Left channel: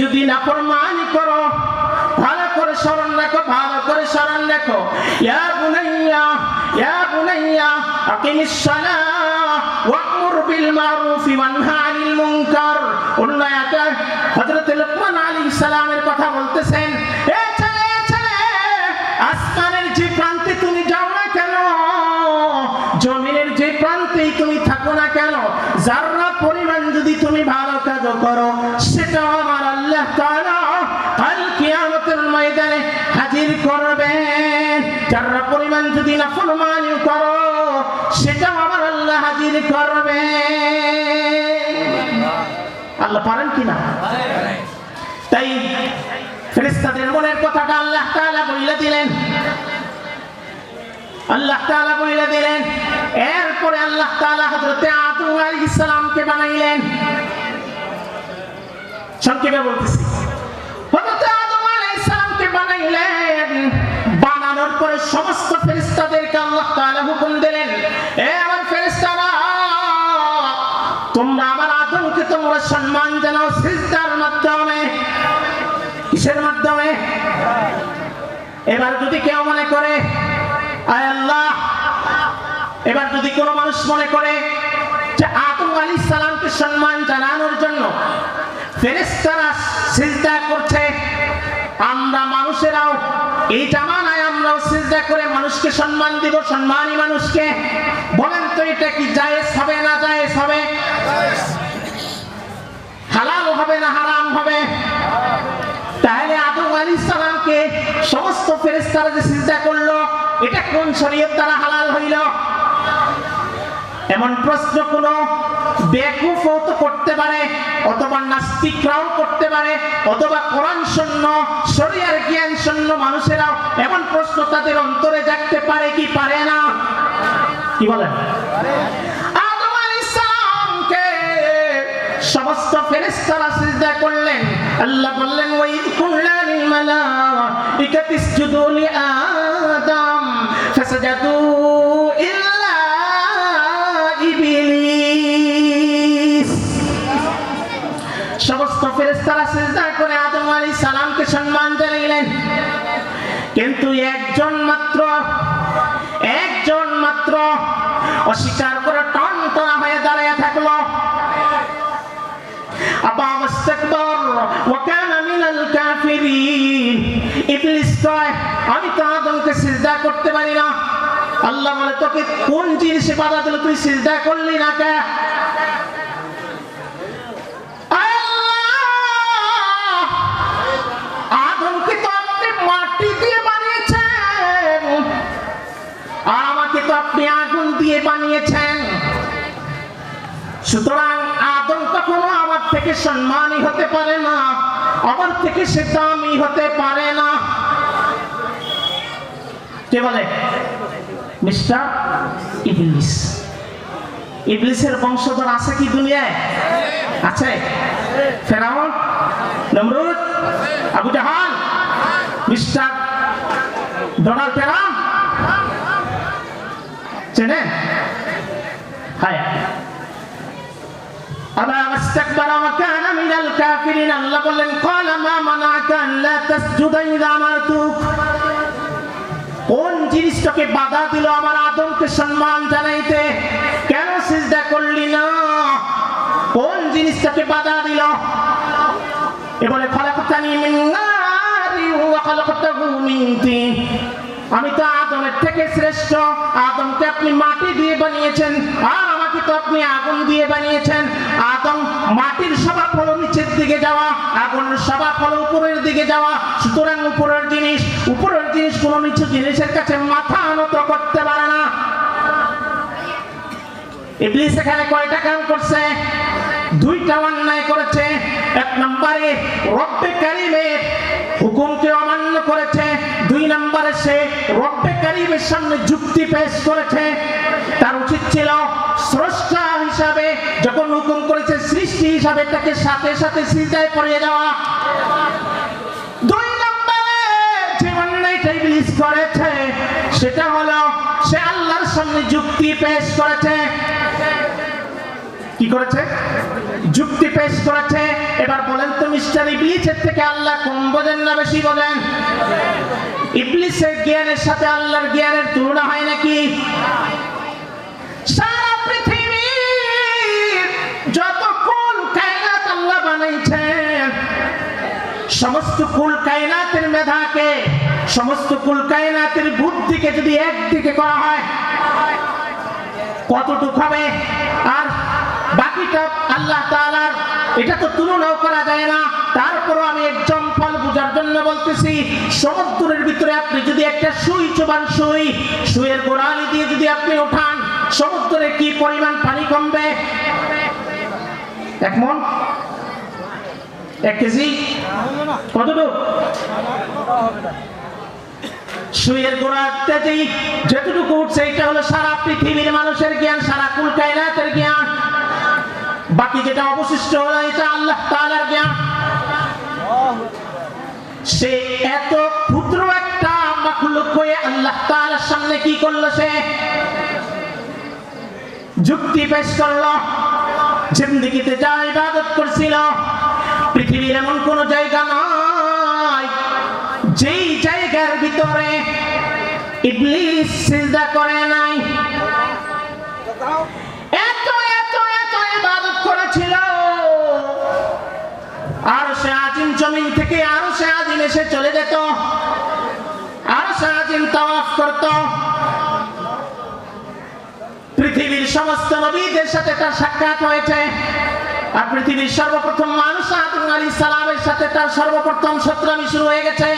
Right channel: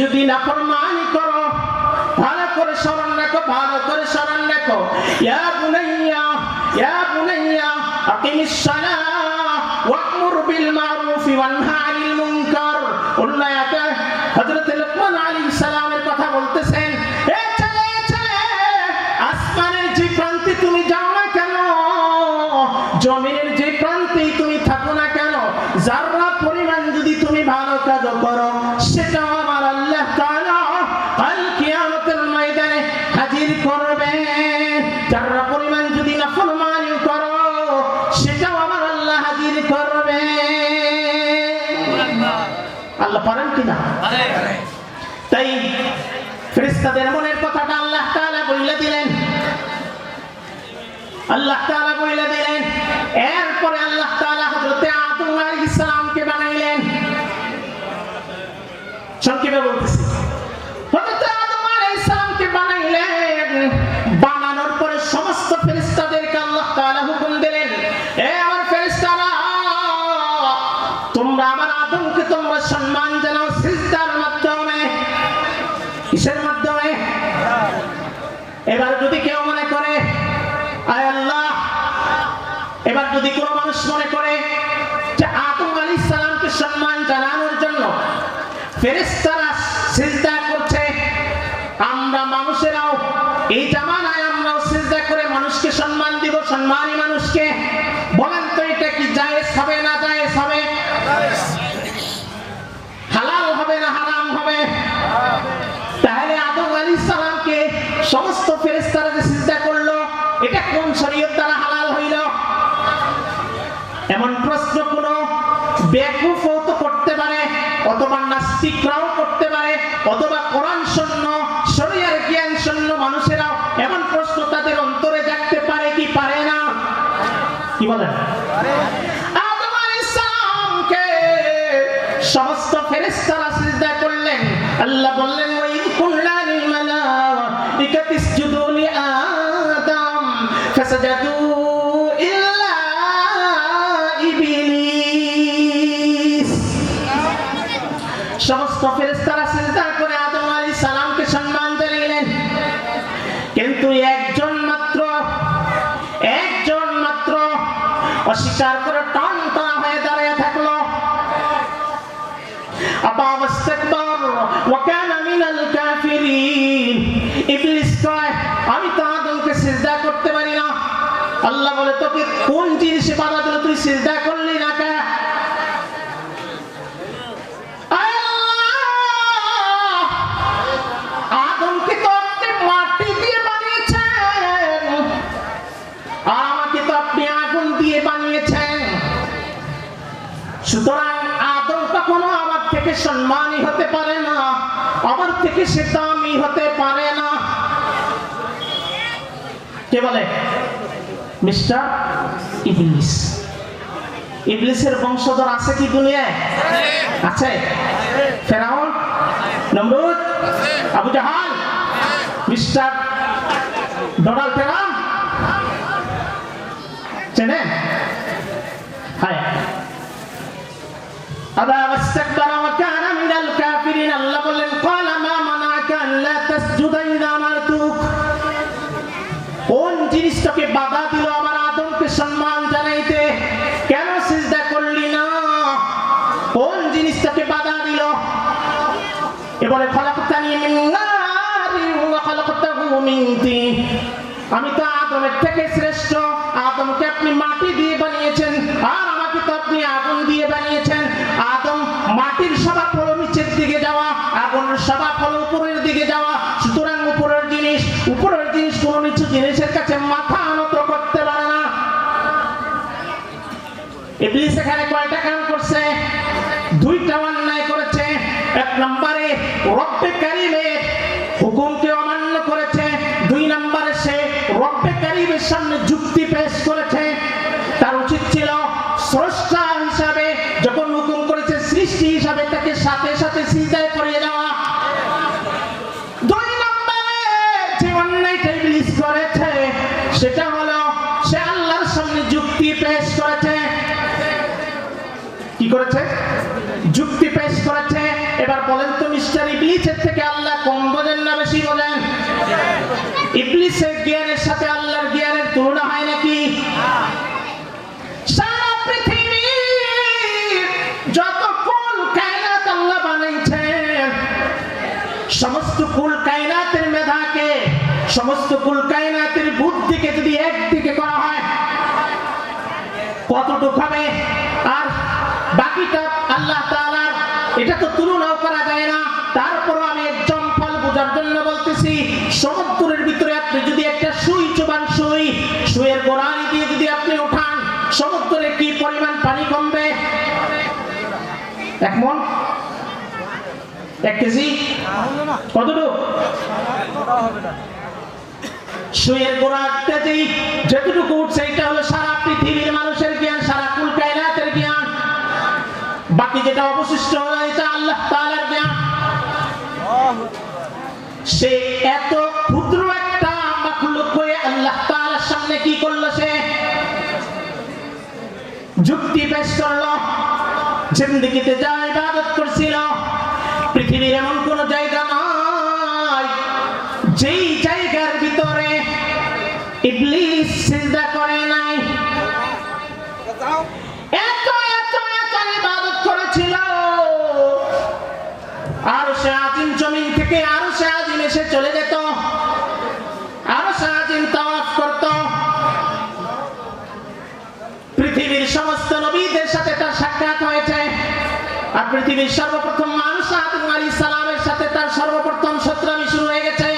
যদি নাফরমানি করো, ভালো করে স্মরণ রাখো, ভালো করে স্মরণ রাখো। ইয়া বুনাইয়া আকিমিস সালাহ ওয়া'মুর বিল মারুফি ওয়ানহা আনিল মুনকার। অন্য আয়াতে হযরত লুকমান আলাইহিস সালামের কথা বলতেছেন, এ ছেলে আসমানের যে প্রান্তে তুমি যাও না কেন, জমিনের যে প্রান্তেই তুমি থাকো না কেন, যারা পরিমাণ যদি তুমি ভালো কাজ করো, সেটা আমার আল্লাহ তাআলা কাল কিয়ামতের ময়দানে হাজির করবেন। যারা পরিমাণ যদি নাফরমানি করো, সেটা আমার আল্লাহ হাজির করবেন। আল্লাহ পারেন কিনা? তাই ফেরেশতাদের মনের কথাটা আল্লাহ তাআলা বলে দিলেন, আল্লাহ তাআলা বলে দিলেন। এরপরে আল্লাহ তাআলা হযরত আদম আলাইহিস সালামকে বানাইলেন। সংক্ষেপে বলতেছি, হযরত আদম আলাইহিস সালামকে বানাইলেন। বানানোর পরে সমস্ত ফেরেশতাদেরকে আল্লাহ তাআলা হুকুম দিলেন, এ আমার ফেরেশতারা, তোমরা আমার আদমকে তোমরা সম্মান জানাও সিজদার মাধ্যমে। কিসের মাধ্যমে? এবার যদি কেউ মনে করে, আয় আল্লাহ, এবার যদি কোনো মানুষ মনে করে যে আদম আলাইহিস সালামকে সম্মান জানানোর জন্য ফেরেশতারা সিজদা করছে, আমরা মানুষেরাও এই জামানায় আমরাও সিজদা করে মানুষকে সম্মান দিব, সম্মানী মানুষকে। বলেন তো এটা কি জায়েজ হবে না জায়েজ হবে? হালাল হবে না হারাম হবে? তাহলে আদম আলাইহিস সালামকে সমস্ত ফেরেশতারা যে সিজদা করলো, এটা কোন শরীয়ত দ্বারা হালাল হইল? এমন প্রশ্ন কোন বেকুফও তো করতে পারে, অথবা নাস্তিকরাও করতে পারে, অথবা কোরআন শূন্য শরীয়তের জ্ঞান শূন্য মানুষেরাও এমন প্রশ্ন তাদের অন্তরে জাগতে পারে কি পারে না? কি বলেন? আদম আলাইহিস সালামকে সমস্ত ফেরেশতারা সিজদা করলেন। আল্লাহ বললেন, ওয়াইদ কুল্লা লিল মালাইকাতি ইসজুদু লি আদম ফাসাজাদু ইল্লা ইবলিস। সমস্ত ফেরেশতারা সিজদা করে আদম আলাইহিস সালামকে সম্মান জানাইলেন, কিন্তু একজন মাত্র অস্বীকার করে টনটনা হয়ে দাঁড়িয়ে থাকলো। আবা ওয়াস্তাকবার ওয়া কানা মিনাল কাফিরিন। ইবলিস কয়, আমি তো আদমকে সিজদা করতে পারি না। আল্লাহ বলে, তোকে কোন জিনিসে বাধা দিল, তুই সিজদা করলি না কেন? আদমকে তো আপনি মাটি দিয়ে বানিয়েছেন, আর আমাকে তো আপনি আগুন দিয়ে বানিয়েছেন। সুতরাং আদম কখনো আমার থেকে সম্মানী হতে পারে না, আমার থেকে সে দামি হতে পারে না। কে বলে? মিস্টার ইবলিস। ইবলিসের বংশধর আছে কি দুনিয়ায়? আছে। ফেরাউন, নমরুদ, আবু জাহাল, মিস্টার ডোনাল্ড ট্রাম্প চেনেন? হ্যাঁ। আবা ওয়াস্তাকবারা ওয়া কানা মিনাল কাফিরিন। আল্লাহ বললেন, ক্বালা মা মানাকা আল্লা তাসজুদা ইযা আমারতুক। কোন জিনিসটাকে বাধা দিল আমার আদমকে সম্মান জানাইতে? কেন সিজদা করলি না? কোন জিনিসটাকে বাধা দিল? এবারে খলাকতানি মিন নারি ওয়া খলাকতাহু মিন তিন। আমি তো আদমের থেকে শ্রেষ্ঠ। আদমকে আপনি মাটি দিয়ে বানিয়েছেন, আর আমাকে তো আপনি আগুন দিয়ে বানিয়েছেন। আদম মাটির স্বভাব হলো নিচের দিকে যাওয়া, আগুনের স্বভাব হলো উপরের দিকে যাওয়া। সুতরাং উপরের জিনিস কোন নিচু জিনিসের কাছে মাথা নত করতে পারে না। ইবলিস এখানে কয়টা কাজ করছে? দুইটা অন্যায় করেছে। এক নম্বরে রব্বে কারীমের হুকুমকে অমান্য করেছে, দুই নম্বরে সে রব্বে কারীমের সামনে যুক্তি পেশ করেছে। তার উচিত ছিল স্রষ্টা হিসাবে যখন হুকুম করেছে, সৃষ্টি হিসাবে তাকে সাথে সাথে সিজদায় পড়ে যাওয়া। দুই নম্বরে যে অন্যায়টা ইবলিস করেছে সেটা হলো সে আল্লাহর সামনে যুক্তি পেশ করেছে। কি করেছে? যুক্তি পেশ করেছে। এবার বলেন তো মিস্টার ইবলিস জ্ঞানের সাথে আল্লাহর জ্ঞানের তুলনা হয় নাকি? সারা পৃথিবীর যত কুল কায়নাত আল্লাহ বানাইছেন, সমস্ত কুল কায়নাতের মেধাকে, সমস্ত কুল কায়নাতের বুদ্ধিকে যদি একদিকে করা হয় কতটুকু হবে? আর বাকিটা আল্লাহ তাআলার, এটা তো তুলনাও করা যায় না। তারপরও আমি এক্সাম্পল বোঝার জন্য বলতেছি, সমুদ্রের ভিতরে আপনি যদি একটা সুই চোবান, সুইয়ের গোড়ালি দিয়ে যদি আপনি ওঠান, সমুদ্রে কি পরিমাণ পানি কমবে? 1 মণ, 1 কেজি, কতটুকু? সুইয়ের গোড়াতে যেটুকু উঠছে, এটা হলো সারা পৃথিবীর মানুষের জ্ঞান, সারা কুল কায়নাতের জ্ঞান। বাকি যেটা অবশিষ্ট হলো এটা আল্লাহ তাআলার জ্ঞান। সে এত ক্ষুদ্র একটা মাখলুক হয়ে আল্লাহ তাআলার সামনে কি করলো? সে যুক্তি পেশ করলো। জিন্দেগিতে যা ইবাদত করছিল, পৃথিবীর এমন কোন জায়গা নয় যেই জায়গার ভিতরে ইবলিস সিজদা করে নাই। এত এত এত ইবাদত করেছিল। আরশে আজিম জমিন থেকে আরশে আজিম এসে চলে যেত, আরশে আজিম তাওয়াফ করত। পৃথিবীর সমস্ত নবীদের সাথে তার সাক্ষাৎ হয়েছে। আর পৃথিবীর সর্বপ্রথম মানুষ আদম আলাইহিস সালামের সাথে তার সর্বপ্রথম শত্রুতামি শুরু হয়ে গেছে।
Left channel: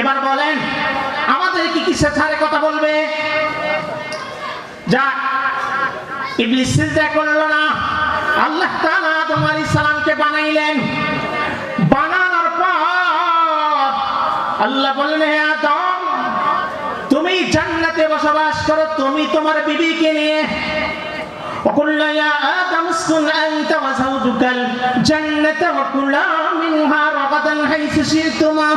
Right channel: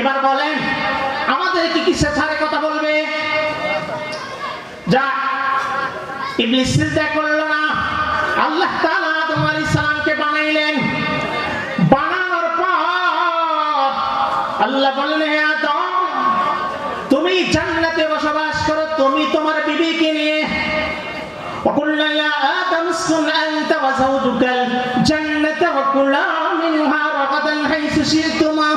এবার বলেন, আমাদের কি কিসে ছাড়ে কথা বলবে? যা ইবলিস সিজদা করলো না। আল্লাহ তাআলা আদম আলাইহিস সালামকে বানাইলেন। বানানোর পর আল্লাহ বললেন, হে আদম, তুমি জান্নাতে বসবাস করো, তুমি তোমার বিবিকে নিয়ে। وقلنا يا آدم اسكن أنت وزوجك الجنة وكلا منها رغدا حيث شئتما।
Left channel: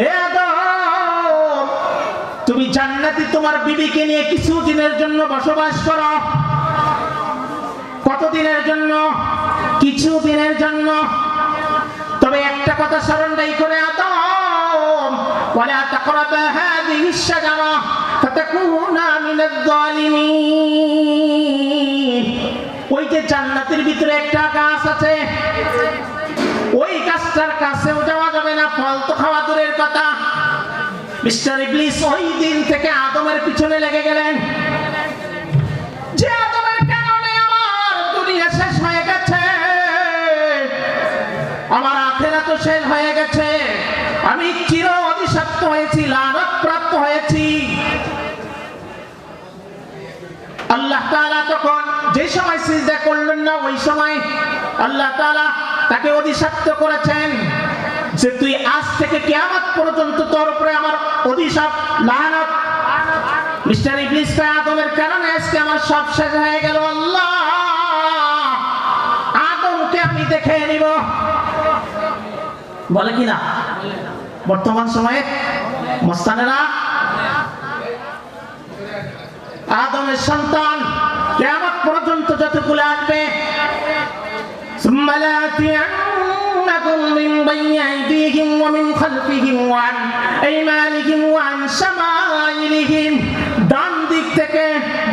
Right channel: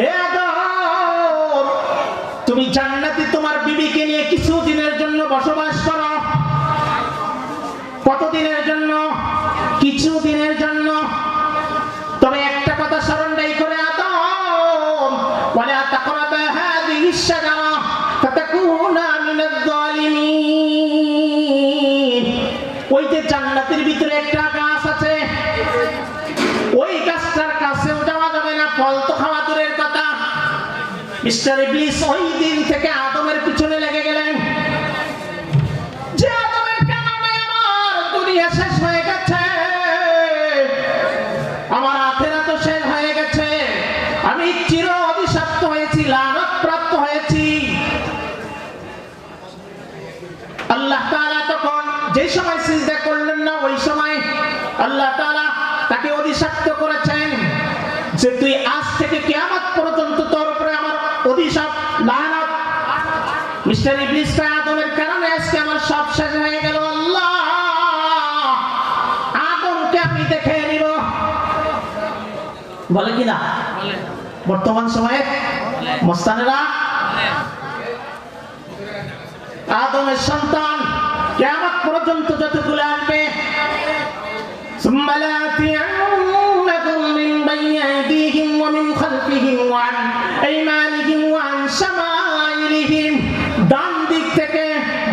হে আদম, তুমি জান্নাতে তোমার বিবিকে নিয়ে কিছু দিনের জন্য বসবাস করো। কত দিনের জন্য? কিছু দিনের জন্য। তবে একটা কথা স্মরণ করে, আদম, ওয়ালা তাকরাবা হাযিহি আশ-শাজারা ফাতাকুনা মিনাজ জালিমিন। ওই যে জান্নাতের ভিতরে একটা গাছ আছে, ওই গাছটার কাছেও যাওয়া যাবে না, ফল তো খাওয়া দূরের কথা। মিস্টার ইবলিস ওই দিন থেকে আদমের পিছনে লেগে গেলেন, যে আদমের কারণে আমার দুনিয়া শেষ হয়ে গেছে, আমার আখিরাত শেষ হয়ে গেছে, আমি চির অভিশপ্ত হয়েছি, লানত প্রাপ্ত হয়েছি। আল্লাহ তাআলা তখন যে সময় সিজদা করলেন না, ওই সময় আল্লাহ তাআলা তাকে অভিশপ্ত করেছেন যে তুই আজ থেকে কিয়ামত পর্যন্ত তোর উপরে আমার অভিশাপ, লানত। মিস্টার ইবলিস কা আদমের কারণে আজকে আমার সব শেষ হয়ে গেল। আল্লাহ, আদমকে আমি দেখে নিব, বলে কিনা বর্তমান সময়ে মস্তানেরা? আদমের সন্তান কিয়ামত পর্যন্ত যতগুলো আসবে, সুম্মা লা'তিয়ান্নাকুম মিন বাইনি আইদিহিম ওয়া মিন খালফিহিম ওয়া আন আইমানিহিম ওয়া আন শামাইলিহিম। ডান দিক থেকে,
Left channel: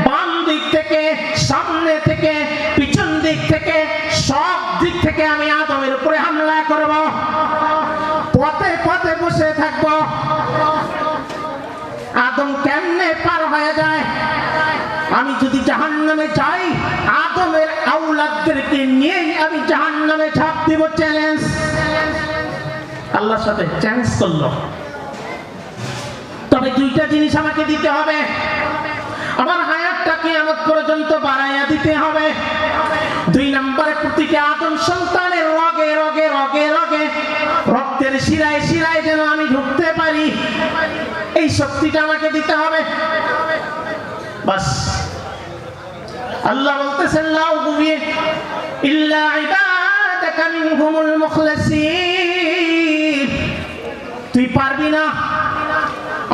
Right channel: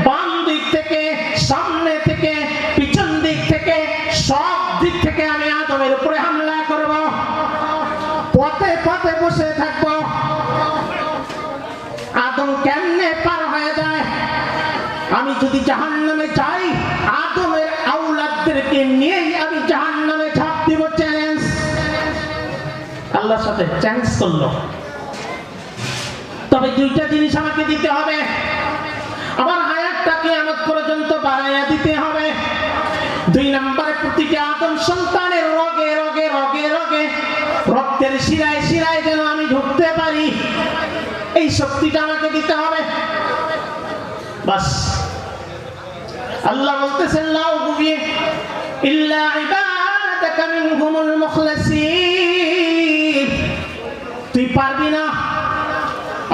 বাম দিক থেকে, সামনে থেকে, পিছন দিক থেকে, সব দিক থেকে আমি আদমের উপরে হামলা করব। পথে পথে বসে থাকব। আদম কেমনে পার হয়ে যায়? আমি যদি জাহান্নামে যাই, আদমের আওলাদদেরকে নিয়ে আমি জাহান্নামে ঝাঁপ দিব। চ্যালেঞ্জ, আল্লাহর সাথে চ্যালেঞ্জ করলো। তবে দুইটা জিনিস আমাকে দিতে হবে। আমার হায়াতটা কিয়ামত পর্যন্ত বাড়াইয়া দিতে হবে। 2 নম্বরে, প্রতিটা আদম সন্তানের রগে রগে রগে রগে, রক্তের শিরায় শিরায় যেন আমি ঢুকতে পারি, এই শক্তিটা আমাকে দিতে হবে। বাস, আল্লাহ বলতেছেন, লা উবুইয়া ইল্লা ইবাদাকা মিনহুমুল মুখলাসিন। তুই পারবি না,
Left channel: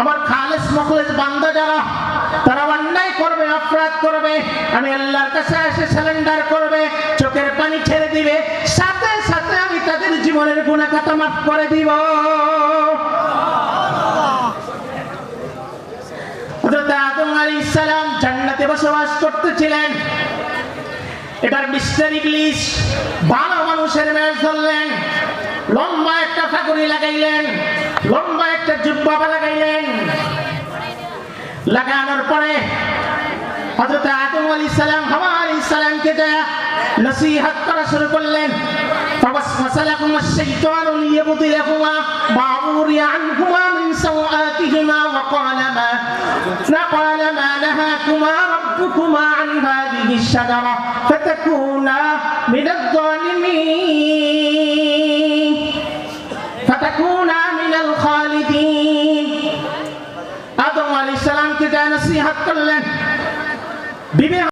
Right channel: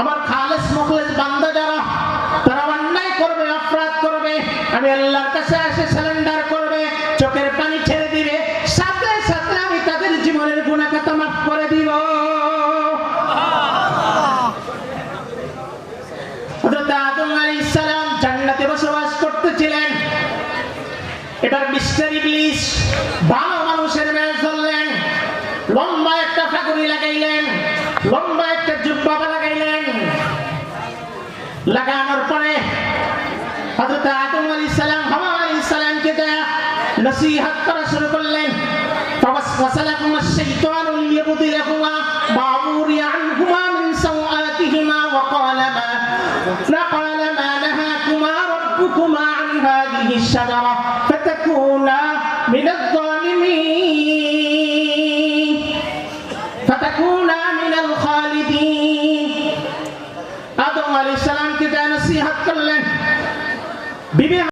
আমার খালেস মুখলেস বান্দা যারা, তারা অন্যায় করবে, অপরাধ করবে, আমি আল্লাহর কাছে এসে সারেন্ডার করবে, চোখের পানি ছেড়ে দিবে, সাথে সাথে আমি তাদের জীবনের গুনাহ খাতা মাফ করে দিব। ইবলিস ভালো মানুষের বেশ ধরলেন, লম্বা একটা ফাগুরি লাগাইলেন, লম্বা একটা জুব্বা লাগাইলেন। লাগানোর পরে হযরত আদম আলাইহিস সালাম হাওয়া আলাইহিস সালামকে নসিহত করা শুরু করলেন। فوسوس لهما الشيطان ليبدي لهما ما وري عنهما من سوآتهما وقال ما نهاكما ربكما عن هذه الشجرة فتكونا من الظالمين فتكونا من الخالدين। আদম আলাইহিস সালামকে নসিহত করলেন।